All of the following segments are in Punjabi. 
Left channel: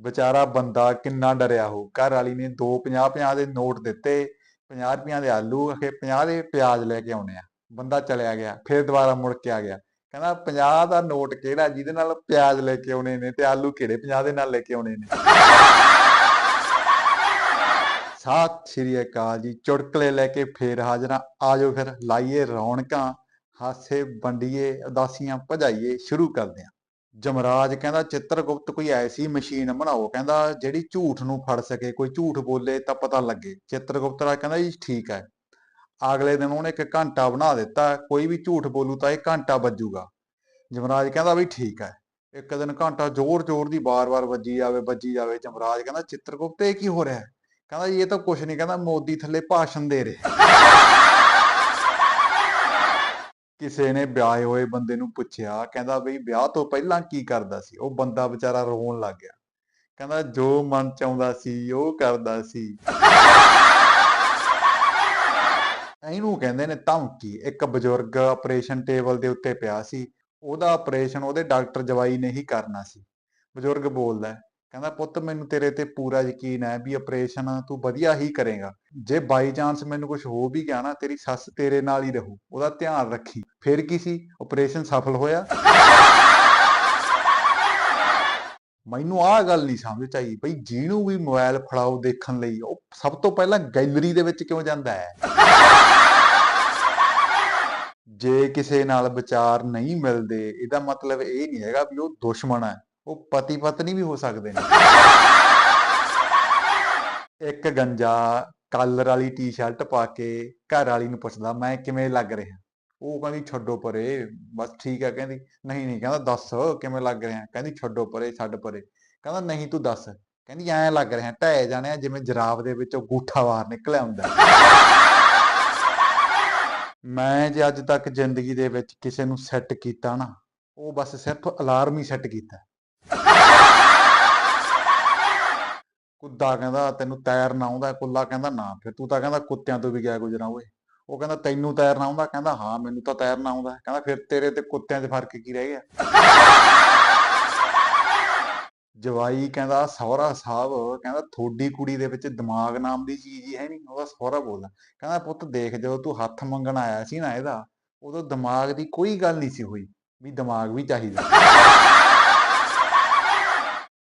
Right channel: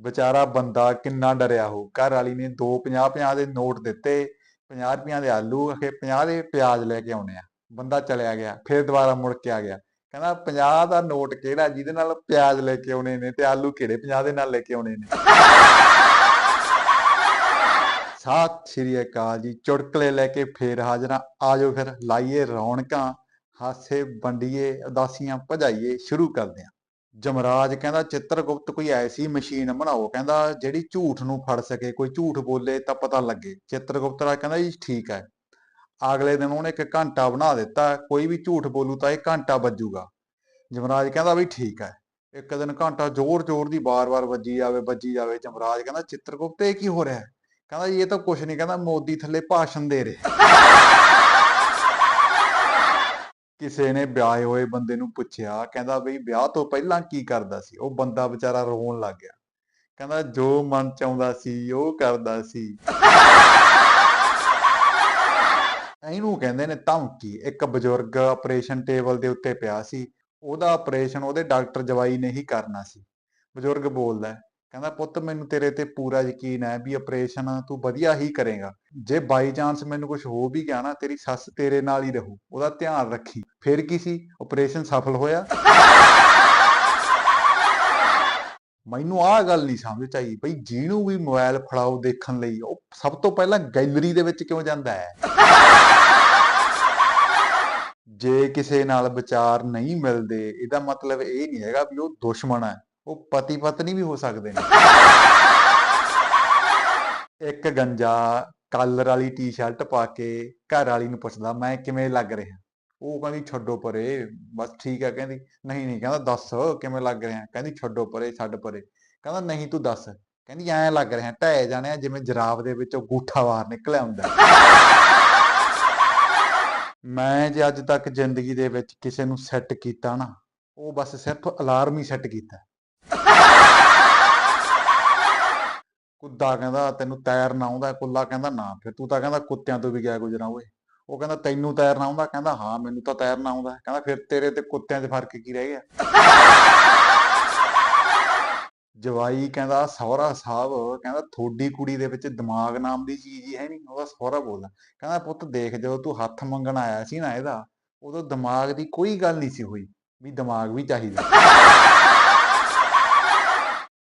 ਵਿਚਾਰਾ ਬੰਦਾ ਕਿੰਨਾ ਡਰਿਆ ਹੋ ਘਰ ਵਾਲੀ ਨੇ ਦੋ 50 50 ਦੇ ਨੋਟ ਦਿੱਤੇ 50 ਰੁਪਈਆਂ ਦੇ ਆਲੂ, ਅਖੇ 50 ਦੇ ਪਿਆਜ਼ ਲੈ ਕੇ ਆਉਣੇ ਆ। ਬੰਦਾ ਚਲਿਆ ਗਿਆ, ਫਿਰ ਦੁਬਾਰਾ ਮੁੜ ਕੇ ਆ ਗਿਆ। ਕਹਿੰਦਾ 50 ਦਾ ਨੋਟ ਕਿਹੜਾ ਜਿਹਦੇ ਨਾਲ ਪਿਆਜ਼ ਲੈ ਕੇ ਆਉਣੇ ਨੇ ਤੇ ਆਲੂ ਕਿਹੜੇ 50 ਦੇ ਨਾਲ ਲੈ ਕੇ ਆਉਣੇ ਨੇ? ਸਤਿ ਸ਼੍ਰੀ ਅਕਾਲ ਜੀ, ਚੁਟਕਲੇ ਲੈ ਕੇ ਫੇਰ ਹਾਜ਼ਰਾਂ ਆਜੋ ਫਿਰ, ਲਾਈਏ ਰੌਣਕਾਂ, ਹਾਸੇ ਵੰਡੀਏ, ਉਦਾਸੀਆਂ ਭਜਾਈਏ, ਸ਼ੁਰੂ ਕਰਦੇ ਹਾਂ। ਜਮਰਾਜ ਕਹਿੰਦਾ, ਚਿੱਤਰਗੁਪਤ ਕੋਈ ਐਸੀ ਮਸ਼ੀਨ ਬਣਾਓ, ਕਹਿੰਦਾ ਜਿਹੜੀ ਝੂਠ ਨੂੰ ਫੜ ਸਕੇ, ਕੋਈ ਝੂਠ ਬੋਲੇ ਤਾਂ ਪਤਾ ਲੱਗੇ। ਚਿੱਤਰਗੁਪਤ ਰਾਜ ਕਹਿੰਦਾ ਜੀ ਠੀਕ ਹੈ। ਅਗਲੇ ਦਿਨ ਉਹਨੇ ਇੱਕ ਘੰਟਾ ਬਣਾ ਦਿੱਤਾ, ਕੋਈ ਵੀ ਝੂਠ ਬੋਲੂ ਤਾਂ ਇਹ ਘੰਟਾ ਵੱਜੂਗਾ। ਜਮਰਾਜ ਕਹਿੰਦਾ, ਵੀ ਠੀਕ ਹੈ। ਇੱਕ ਦਿਨ ਘੰਟਾ ਜ਼ੋਰ-ਜ਼ੋਰ ਦੀ ਬਾਰ-ਬਾਰ ਵੱਜੀ ਜਾਵੇ ਵੱਜੀ ਜਾਵੇ। ਜਮਰਾਜ ਕਹਿੰਦਾ, ਚਿੱਤਰਗੁਪਤ, ਇਹ ਕੀ ਹੋ ਰਿਹਾ? ਕਹਿੰਦਾ ਜੀ ਇਹ ਤਾਂ ਕੁਝ ਨਹੀਂ। ਕਹਿੰਦਾ, ਮੋਦੀ ਥੱਲੇ ਭਾਸ਼ਣ ਦੇ ਰਿਹਾ। ਕਿਸੇ ਨੇ ਵਿਆਹੇ ਹੋਏ ਬੰਦੇ ਨੂੰ ਪੁੱਛਿਆ, ਕਹਿੰਦਾ ਬਈ ਵਿਆਹ ਤੋਂ ਪਹਿਲਾਂ ਕੀ ਕਰਦਾ ਸੀ? ਉਹ ਬੰਦਾ ਵਿਚਾਰਾ ਰੋਣ ਲੱਗ ਗਿਆ। ਕਹਿੰਦਾ ਜੋ ਮਨ ਚ ਆਉਂਦਾ ਸੀ, ਉਹ ਕਰਦਾ ਸੀ। ਇਹਨੂੰ ਕਹਿੰਦੇ ਨੇ ਧਮਕੀ। ਇੱਕ ਬਜ਼ੁਰਗ ਆਪਰੇਸ਼ਨ ਟੇਬਲ ਦੇ ਉੱਤੇ ਪਿਆ ਸੀ। ਉਹਦਾ ਆਪਰੇਸ਼ਨ ਉਹਦੇ ਡਾਕਟਰ ਜਵਾਈ ਨੇ ਹੀ ਕਰਨਾ ਸੀ। ਬਜ਼ੁਰਗ ਬੋਲਦਾ ਕਹਿੰਦਾ, ਪੁੱਤ, ਮੈਨੂੰ ਤੇਰੇ ਤੇ ਪੂਰਾ ਯਕੀਨ ਹੈ ਵੀ ਆਪਰੇਸ਼ਨ ਤੂੰ ਵਧੀਆ ਹੀ ਕਰੇਗਾ। ਜੇ ਬਾਈ ਚਾਂਸ ਮੈਨੂੰ ਕੁਝ ਹੋ ਵੀ ਗਿਆ ਨਾ, ਤੇਰੀ ਸੱਸ ਤੇਰੇ ਨਾਲ ਹੀ ਰਹੂ, ਉਹਦਾ ਧਿਆਨ ਰੱਖੀ। ਫਿਰ ਕੀ ਸੀ? ਆਪਰੇਸ਼ਨ ਸਫਲ ਹੋਇਆ। ਮੈਨੂੰ ਆਹ ਗੱਲ ਨਹੀਂ ਸਮਝ ਆਈ ਬਈ, ਜਿਹਨੂੰ ਵੀ ਮੋਬਾਈਲ ਫੜਾਓ ਦੇਖਣ ਲਈ, ਉਹ ਸਭ ਤੋਂ ਪਹਿਲਾਂ ਗੈਲਰੀ ਦੇ ਵਿੱਚ ਕਿਉਂ ਜਾਂਦਾ ਹੈ? ਜੇ ਕਿਸੇ ਨਾਲ ਵਿਚਾਰ ਨਹੀਂ ਮਿਲਦੇ, ਇਹਦਾ ਮਤਲਬ ਇਹ ਨਹੀਂ ਹੈਗਾ ਵੀ ਉਹ ਦੁਸ਼ਮਣ ਹੈ। ਉਹ ਪਤੀ ਪਤਨੀ ਵੀ ਹੋ ਸਕਦੇ ਨੇ। ਇੱਕ ਗੰਜਾ, ਕਾਲਰ ਵਾਲੀ ਟੀ-ਸ਼ਰਟ ਪਾ ਕੇ ਘਰ ਵਾਲੀ ਨੂੰ ਪੁੱਛਦਾ, ਮੈਂ ਕਿਵੇਂ ਲੱਗ ਰਿਹਾ? ਉਹ ਕਹਿੰਦੀ, ਛੱਡੋ ਪਰੇ, ਬਸ ਠੀਕ ਹੈ ਕਹਿੰਦੀ, ਨਹੀਂ ਨਹੀਂ। ਕਹਿੰਦਾ, ਦੱਸ, ਕਿਵੇਂ ਲੱਗ ਰਿਹਾ? ਕਹਿੰਦੀ, ਛੱਡੋ ਪਰੇ, ਛੱਡ ਪਰੇ। ਕਹਿੰਦਾ, ਨਹੀਂ, ਤੂੰ ਦੱਸ। ਕਹਿੰਦੀ, ਐਂ ਲੱਗ ਰਿਹਾ, ਢਹਿ ਜਾਣਿਆ ਜਿਵੇਂ ਜਰਾਬ ਦੇ ਵਿੱਚੋਂ ਗੂਠਾ ਬਾਹਰ ਨਿਕਲਿਆ ਹੁੰਦਾ ਮੈਂ ਜੇ ਅੱਜ ਤੱਕ ਜ਼ਿੰਦਗੀ ਦੇ ਵਿੱਚ ਕਿਸੇ ਨੂੰ ਸੈੱਟ ਕੀਤਾ ਨਾ, ਉਹ ਬਸ ਸਿਰਫ ਅਲਾਰਮ ਹੀ ਸੈੱਟ ਕੀਤਾ। ਕੁੱਦਾ ਕਹਿੰਦਾ, ਤੈਨੂੰ ਤੈਰਨਾ ਆਉਂਦਾ। ਕੁੱਲਾ ਕਹਿੰਦਾ, ਨਾ, ਫਿਰ ਤੂੰ ਤਾਂ ਕਹਿੰਦਾ ਕੁੱਤਿਆਂ ਤੋਂ ਵੀ ਗਿਆ ਗੁਜਰਾਂ ਓਏ। ਉਹ ਕਹਿੰਦਾ, ਤੈਨੂੰ ਤੈਰਨਾ ਆਉਂਦਾ? ਕਹਿੰਦਾ, ਹਾਂ, ਮੈਨੂੰ ਤਾਂ ਤੈਰਨਾ ਆਉਂਦਾ। ਕਹਿੰਦਾ, ਫਿਰ ਤੇਰੇ ਤੇ ਕੁੱਤਿਆਂ 'ਚ ਫ਼ਰਕ ਕੀ ਰਹਿ ਗਿਆ? ਜਵਾਈ ਕਹਿੰਦਾ, ਸਹੁਰਾ ਸਾਹਿਬ, ਕਹਿੰਦਾ ਥੋੜੀ ਕੁੜੀ ਦੇ ਵਿੱਚ ਦਿਮਾਗ ਨਾਮ ਦੀ ਚੀਜ਼ ਹੀ ਹੈ ਨਹੀਂ ਉਹਦਾ ਸਹੁਰਾ ਬੋਲਦਾ। ਕਹਿੰਦਾ, ਪੁੱਤ, ਦੇਖ ਜਦੋਂ ਤੂੰ ਹੱਥ ਮੰਗਣ ਆਇਆ ਸੀ ਨਾ ਇਹਦਾ, ਉਦੋਂ ਦਿਮਾਗ ਦੀ ਕੋਈ ਗੱਲ ਨਹੀਂ ਸੀ ਹੋਈ ਵੀ ਦਿਮਾਗ ਵੀ ਚਾਹੀਦਾ।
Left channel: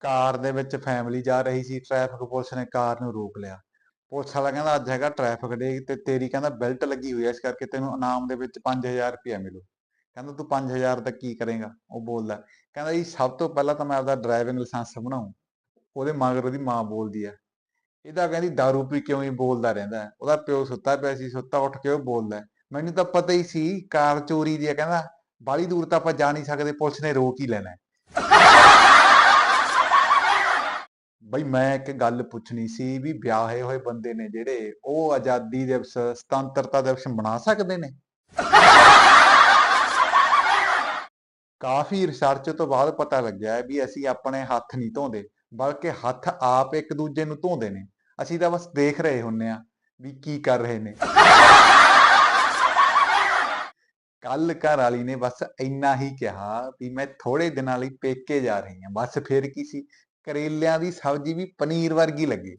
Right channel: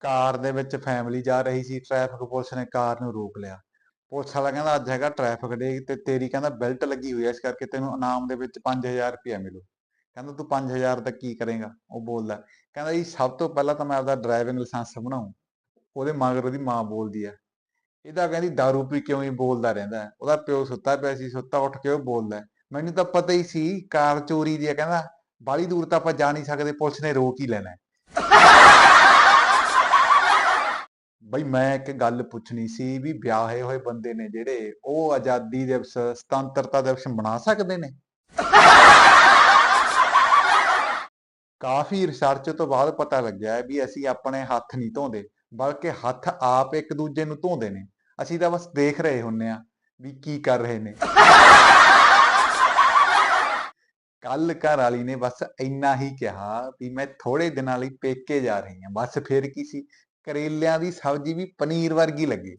ਕਾਰ ਦੇ ਵਿੱਚ ਫੈਮਿਲੀ ਜਾ ਰਹੀ ਸੀ ਟ੍ਰੈਫਿਕ ਪੁਲਿਸ ਨੇ ਕਾਰ ਨੂੰ ਰੋਕ ਲਿਆ। ਪੁਲਿਸ ਵਾਲਾ ਕਹਿੰਦਾ, ਅੱਜ ਹੈਗਾ ਟ੍ਰੈਫਿਕ ਡੇ ਤੇ ਤੇਰੀ ਕਹਿੰਦਾ ਬੈਲਟ ਲੱਗੀ ਹੋਈ ਐ ਇਸ ਕਰਕੇ ਤੈਨੂੰ ਇਨਾਮ ਦੇ ਵਿੱਚ 5000 ਰੁਪਇਆ ਮਿਲੂ। ਕਹਿੰਦਾ, ਤੂੰ 5000 ਦਾ ਕੀ ਕਰੇਗਾ? ਉਹ ਬੋਲਦਾ, ਕਹਿੰਦਾ ਜੀ, ਸਭ ਤੋਂ ਪਹਿਲਾਂ ਤਾਂ ਮੈਂ ਆਪਦਾ ਡਰਾਈਵਿੰਗ ਲਾਇਸੈਂਸ ਬਣਾਉਂ, ਉਹਦੇ ਮਗਰ ਉਹਦੀ ਮਾਂ ਬੋਲਦੀ ਆ। ਇਹਦਾ ਕਹਿੰਦੀ दारू ਪੀ ਕਿਉਂ ਹੀ ਬੋਲਦਾ ਰਹਿੰਦਾ ਉਹਦਾ ਪਿਓ ਸੁੱਤਾ ਪਿਆ ਸੀ, ਸੁੱਤਾ ਉੱਠ ਕੇ ਉਹ ਬੋਲਦਾ ਮੈਨੂੰ ਤਾਂ ਪਤਾ ਹੀ ਸੀ, ਕਾਰ ਚੋਰੀ ਦੀ ਆ, ਕਹਿੰਦਾ ਬਾਲੀ ਦੂਰ ਤਾਂ ਆਪਾਂ ਜਾ ਨਹੀਂ ਸਕਦੇ, ਪੁਲਿਸ ਨੇ ਰੋਕ ਹੀ ਲੈਣਾ ਹੈ। ਬਈ ਮੈਂ ਇੱਕ ਗੱਲ ਪੁੱਛਣੀ ਸੀ ਵੀ ਵਿਆਹੇ ਹੋਏ ਬੰਦੇ ਨੇ ਜਿਹੜੇ ਉਹ ਆਜ਼ਾਦੀ ਦਿਵਸ, ਸੁਤੰਤਰਤਾ ਦਿਵਸ ਮਨਾ ਸਕਦੇ ਨੇ? ਕਾਫੀ ਰਿਸਰਚ ਤੋਂ ਬਾਅਦ ਪਤਾ ਲੱਗਿਆ ਹੈ ਵੀ ਅਸੀਂ ਆਪਣੇ ਹੱਥ ਨਹੀਂ ਧੋਂਦੇ, ਬਲਕਿ ਹੱਥ ਆਪ ਇੱਕ ਦੂਜੇ ਨੂੰ ਧੋਂਦੇ ਨੇ। ਅਸੀਂ ਤਾਂ ਬਸ ਦੇਖ ਰਹੇ ਹੁੰਨੇ ਆ ਵੀ ਕੀ ਕਰ ਰਹੇ ਨੇ। ਕੱਲ ਘਰ ਵਾਲੀ ਨੇ ਬਸ ਇੰਨਾ ਹੀ ਕਿਹਾ ਵੀ ਮੈਂ ਥੋੜੇ ਦਿਨਾਂ ਲਈ ਪੇਕੇ ਜਾ ਰਹੀ ਹਾਂ। ਬਸ ਫਿਰ ਕੀ ਸੀ? ਕਰੇਲਿਆਂ ਦੀ ਸਬਜ਼ੀ ਵੀ ਪਨੀਰ ਵਰਗੀ ਲੱਗੇ।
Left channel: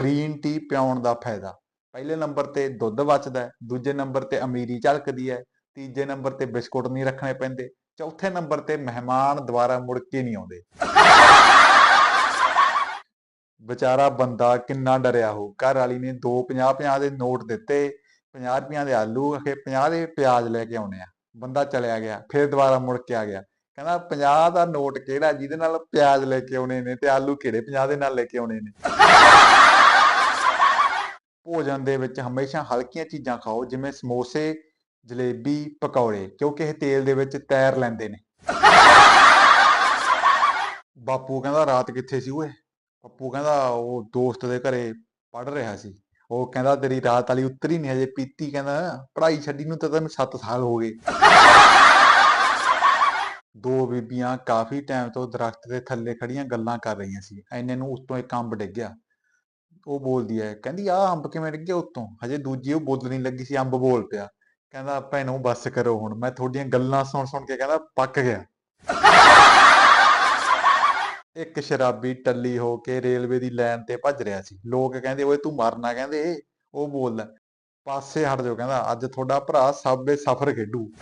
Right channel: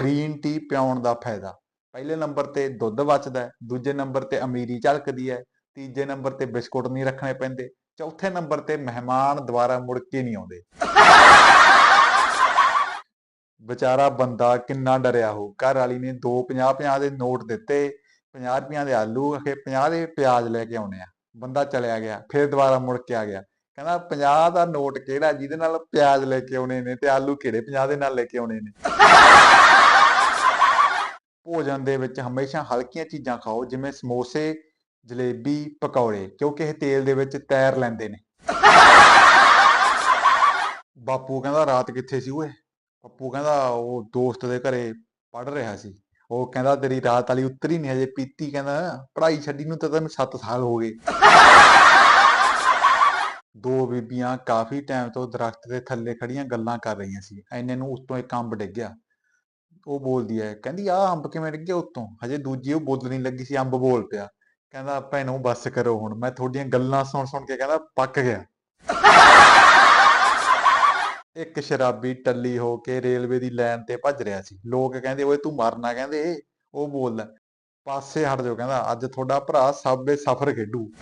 ਗ੍ਰੀਨ ਟੀ ਪਿਆਉਣ ਦਾ ਫਾਇਦਾ। ਪਹਿਲੇ ਨੰਬਰ ਤੇ ਦੁੱਧ ਬਚਦਾ ਹੈ, ਦੂਜੇ ਨੰਬਰ ਤੇ ਅਮੀਰੀ ਝਲਕਦੀ ਹੈ, ਤੀਜੇ ਨੰਬਰ ਤੇ ਬਿਸਕੁਟ ਨਹੀਂ ਰੱਖਣੇ ਪੈਂਦੇ, ਚੌਥੇ ਨੰਬਰ ਤੇ ਮਹਿਮਾਨ ਦੁਬਾਰਾ ਮੁੜ ਕੇ ਨਹੀਂ ਆਉਂਦੇ। ਵਿਚਾਰਾ ਬੰਦਾ ਕਿੰਨਾ ਡਰਿਆ ਹੋ ਘਰ ਵਾਲੀ ਨੇ ਦੋ 50 50 ਦੇ ਨੋਟ ਦਿੱਤੇ 50 ਰੁਪਈਆਂ ਦੇ ਆਲੂ ਅਖੇ 50 ਦੇ ਪਿਆਜ਼ ਲੈ ਕੇ ਆਉਣੇ ਆ। ਬੰਦਾ ਚਲਿਆ ਗਿਆ, ਫਿਰ ਦੁਬਾਰਾ ਮੁੜ ਕੇ ਆ ਗਿਆ। ਕਹਿੰਦਾ 50 ਦਾ ਨੋਟ ਕਿਹੜਾ ਜਿਹਦੇ ਨਾਲ ਪਿਆਜ਼ ਲੈ ਕੇ ਆਉਣੇ ਨੇ ਤੇ ਆਲੂ ਕਿਹੜੇ 50 ਦੇ ਨਾਲ ਲੈ ਕੇ ਆਉਣੇ ਨੇ? ਭੋਜਨ ਦੇ ਵਿੱਚ ਹਮੇਸ਼ਾ ਹਲਕੀਆਂ ਚੀਜ਼ਾਂ ਖਾਓ, ਜਿਵੇਂ ਸਮੋਸੇ, ਜਲੇਬੀ, ਪਕੌੜੇ, ਕਿਉਂਕਿ ਇਹ ਤੇਲ ਦੇ ਵਿੱਚ ਤੈਰ ਲੈਂਦੇ ਨੇ। ਬਾਪੂ ਕਹਿੰਦਾ ਰਾਤ ਕਿੱਥੇ ਸੀ ਓਏ? ਪੱਪੂ ਕਹਿੰਦਾ ਉਹ ਦੋਸਤ ਦੇ ਘਰੇ ਪੜ ਰਿਹਾ ਸੀ। ਉਹ ਕਹਿੰਦਾ ਤੇਰੀ ਰਾਤ ਵਾਲੀ ਉੱਤਰੀ ਨਹੀਂ ਹਜੇ, ਪੀਤੀ ਕਹਿੰਦਾ, ਪੜ੍ਹਾਈ ਛੱਡੀ ਨੂੰ ਤਾਂ ਤੈਨੂੰ 7 ਸਾਲ ਹੋ ਗਏ। ਦੋ ਬੀਬੀਆਂ ਕਾਫੀ ਟਾਈਮ ਤੋਂ ਦਰਖਤ ਦੇ ਥੱਲੇ ਖੜੀਆਂ ਗੱਲਾਂ ਕਰ ਰਹੀਆਂ ਸੀ। ਐਨੇ ਨੂੰ ਉੱਤੋਂ ਇੱਕ ਅੰਬ ਡਿੱਗ ਗਿਆ। ਉਹ ਬੋਲਦੀ ਹੈ ਕਹਿੰਦੀ ਆਹ ਅੰਬ ਕਿਵੇਂ ਡਿੱਗਿਆ ਉੱਤੋਂ? ਹਜੇ ਦੂਜੀ ਉਹ ਬੋਲਣੀ ਲੱਗੀ ਸੀ ਅੰਬ ਬੋਲ ਪਿਆ। ਕਹਿੰਦਾ ਭੈਣੋ ਬੱਸ ਕਰੋ ਹੁਣ। ਮੈਂ ਤੁਹਾਡੀਆਂ ਗੱਲਾਂ ਸੁਣ ਸੁਣ ਕੇ ਕਹਿੰਦਾ ਪੱਕ ਗਿਆ। ਇੱਕ ਸ਼ਰਾਬੀ ਟੱਲੀ ਹੋ ਕੇ ਰੇਲਵੇ ਦੀ ਲਾਈਨ ਤੇ ਭੱਜ ਰਿਹਾ ਸੀ। ਲੋਕ ਕਹਿੰਦੇ ਓਏ ਤੂੰ ਮਰਨਾ ਕਹਿੰਦੇ? ਉਹ ਬੋਲਦਾ ਪਾਸੇ ਹਟ ਜਾਓ ਕਹਿੰਦਾ ਅੱਜ ਤੁਹਾਡਾ ਭਰਾ ਸਾਬੇ ਸਫ਼ਰ ਖੇਡੂ।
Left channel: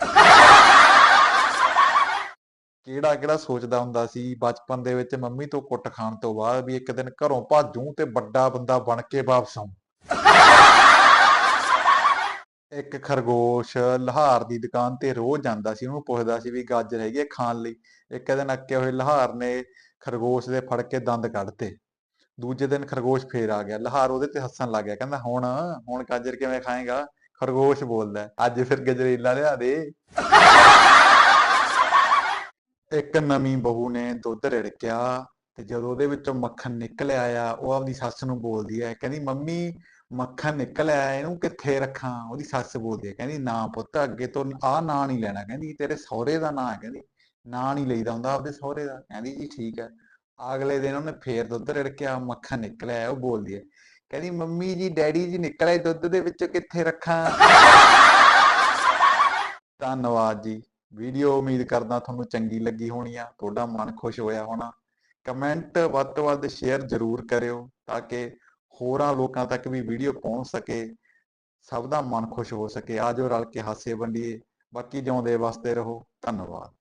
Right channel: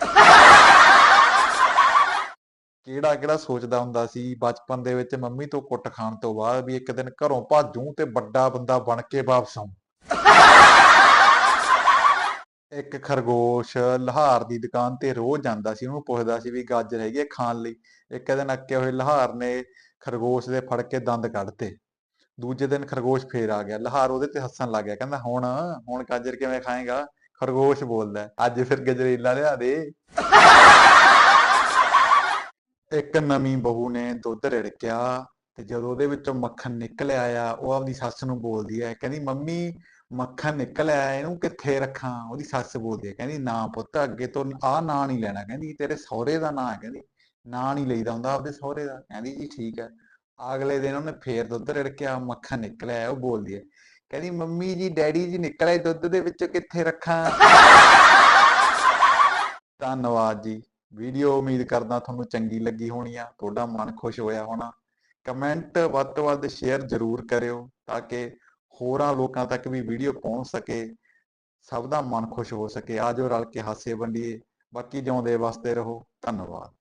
ਕਿਹੜਾ ਕਿਹੜਾ ਸੋਚਦਾ ਹੁੰਦਾ ਸੀ ਬਚਪਨ ਦੇ ਵਿੱਚ ਮੰਮੀ ਤੋਂ ਕੁੱਟ ਖਾਣ ਤੋਂ ਬਾਅਦ ਵੀ ਇੱਕ ਦਿਨ ਘਰੋਂ ਭਾਜੂ ਤੇ ਵੱਡਾ ਬੰਦਾ ਬਣ ਕੇ ਵਾਪਸ ਆਊਂ ਇੱਕ ਖਰਗੋਸ਼ ਲਹਾਰ ਦੀ ਦੁਕਾਨ ਤੇ ਰੋਜ਼ ਜਾਂਦਾ ਸੀ, ਉਹਨੂੰ ਪੁੱਛਦਾ ਸੀ ਵੀ ਗਾਜਰ ਹੈਗੀ ਹੈ ਖਾਣ ਲਈ। ਇੱਕ ਦਿਨ ਅੱਕੇ ਹੋਏ ਲਹਾਰ ਨੇ ਖਰਗੋਸ਼ ਦੇ ਫੜ ਕੇ ਦੰਦ ਕੱਢਤੇ ਦੂਜੇ ਦਿਨ ਖਰਗੋਸ਼ ਫੇਰ ਆ ਗਿਆ। ਲਹਾਰ ਉਹਦੇ ਤੇ ਹੱਸਣ ਲੱਗ ਗਿਆ, ਕਹਿੰਦਾ, ਹੁਣ ਹੁਣ ਗਾਜਰ ਕਿਵੇਂ ਖਾਏਗਾ? ਖਰਗੋਸ਼ ਬੋਲਦਾ, ਅੱਜ ਫਿਰ ਗਜਰੇਲਾ ਲਿਆ ਦੇ। ਇੱਕ ਨਵੀਂ ਬਹੂ ਨੇ ਦੁੱਧ ਰਿੜਕਿਆ ਤੇ ਜਦੋਂ ਉਹਦੇ ਵਿੱਚੋਂ ਮੱਖਣ ਨਿਕਲ ਆਇਆ, ਉਹ ਆਪਦੀ ਸੱਸ ਨੂੰ ਬੋਲਦੀ ਹੈ, ਕਹਿੰਦੀ, ਮੰਮੀ, ਮੱਖਣ ਨਿਕਲ ਆਇਆ, ਇਹਨੂੰ ਕਿੱਥੇ ਰੱਖਾਂ? ਉਹਦੀ ਸੱਸ ਬੋਲਦੀ ਹੈ, ਕਹਿੰਦੀ, ਨਾ ਪੁੱਤ, ਅੱਗੇ ਤੋਂ ਆਹ ਨਾਂ ਨਹੀਂ ਲੈਣਾ। ਕਹਿੰਦੀ, ਤੇਰੇ ਸਹੁਰੇ ਦਾ ਨਾਂ ਹੈ। ਕਹਿੰਦੀ, ਨਾਂ ਨਹੀਂ ਲਈਦਾ ਹੁੰਦਾ ਆਪਦੇ ਸਹੁਰੇ ਦਾ। ਕਹਿੰਦੀ, ਜੀ, ਠੀਕ ਹੈ। ਅਗਲੇ ਦਿਨ ਉਹਨੇ ਫੇਰ ਦੁੱਧ ਰਿੜਕਿਆ, ਮੱਖਣ ਨਿਕਲਿਆ ਉਹ ਬੋਲਦੀ ਹੈ, ਕਹਿੰਦੀ, ਮੰਮੀ ਜੀ, ਡੈਡੀ ਜੀ ਨਿਕਲਿਆ ਦੁੱਧ ਦੇ ਵਿੱਚੋਂ ਕਿੱਥੇ ਰੱਖਾਂ? ਧੰਨਵਾਦ ਜੀ। ਵੀਡੀਓ ਉਮੀਦ ਕਰਦਾ ਤੁਹਾਨੂੰ ਚੰਗੀ ਲੱਗੀ ਹੋਣੀ ਆ, ਤੁਹਾਡਾ ਮਨ ਖੁਸ਼ ਹੋਇਆ ਹੋਣਾ। ਕਮੈਂਟ ਵੱਧ ਤੋਂ ਵੱਧ ਸ਼ੇਅਰ ਜ਼ਰੂਰ ਕਰਿਓ ਤਾਂ ਕਿ ਹੋਰਾਂ ਲੋਕਾਂ ਤੱਕ ਵੀ ਵੀਡੀਓ ਪਹੁੰਚ ਸਕੇ, ਸਭ ਦਾ ਮਨ ਖੁਸ਼ ਹੋ ਸਕੇ। ਆਜੋ ਰਲ ਕੇ ਹਾਸੇ ਵੰਡੀਏ। ਬਾਕੀ ਜਿਉਂਦੇ ਵਸਦੇ ਰਹੋ। ਧੰਨਵਾਦ।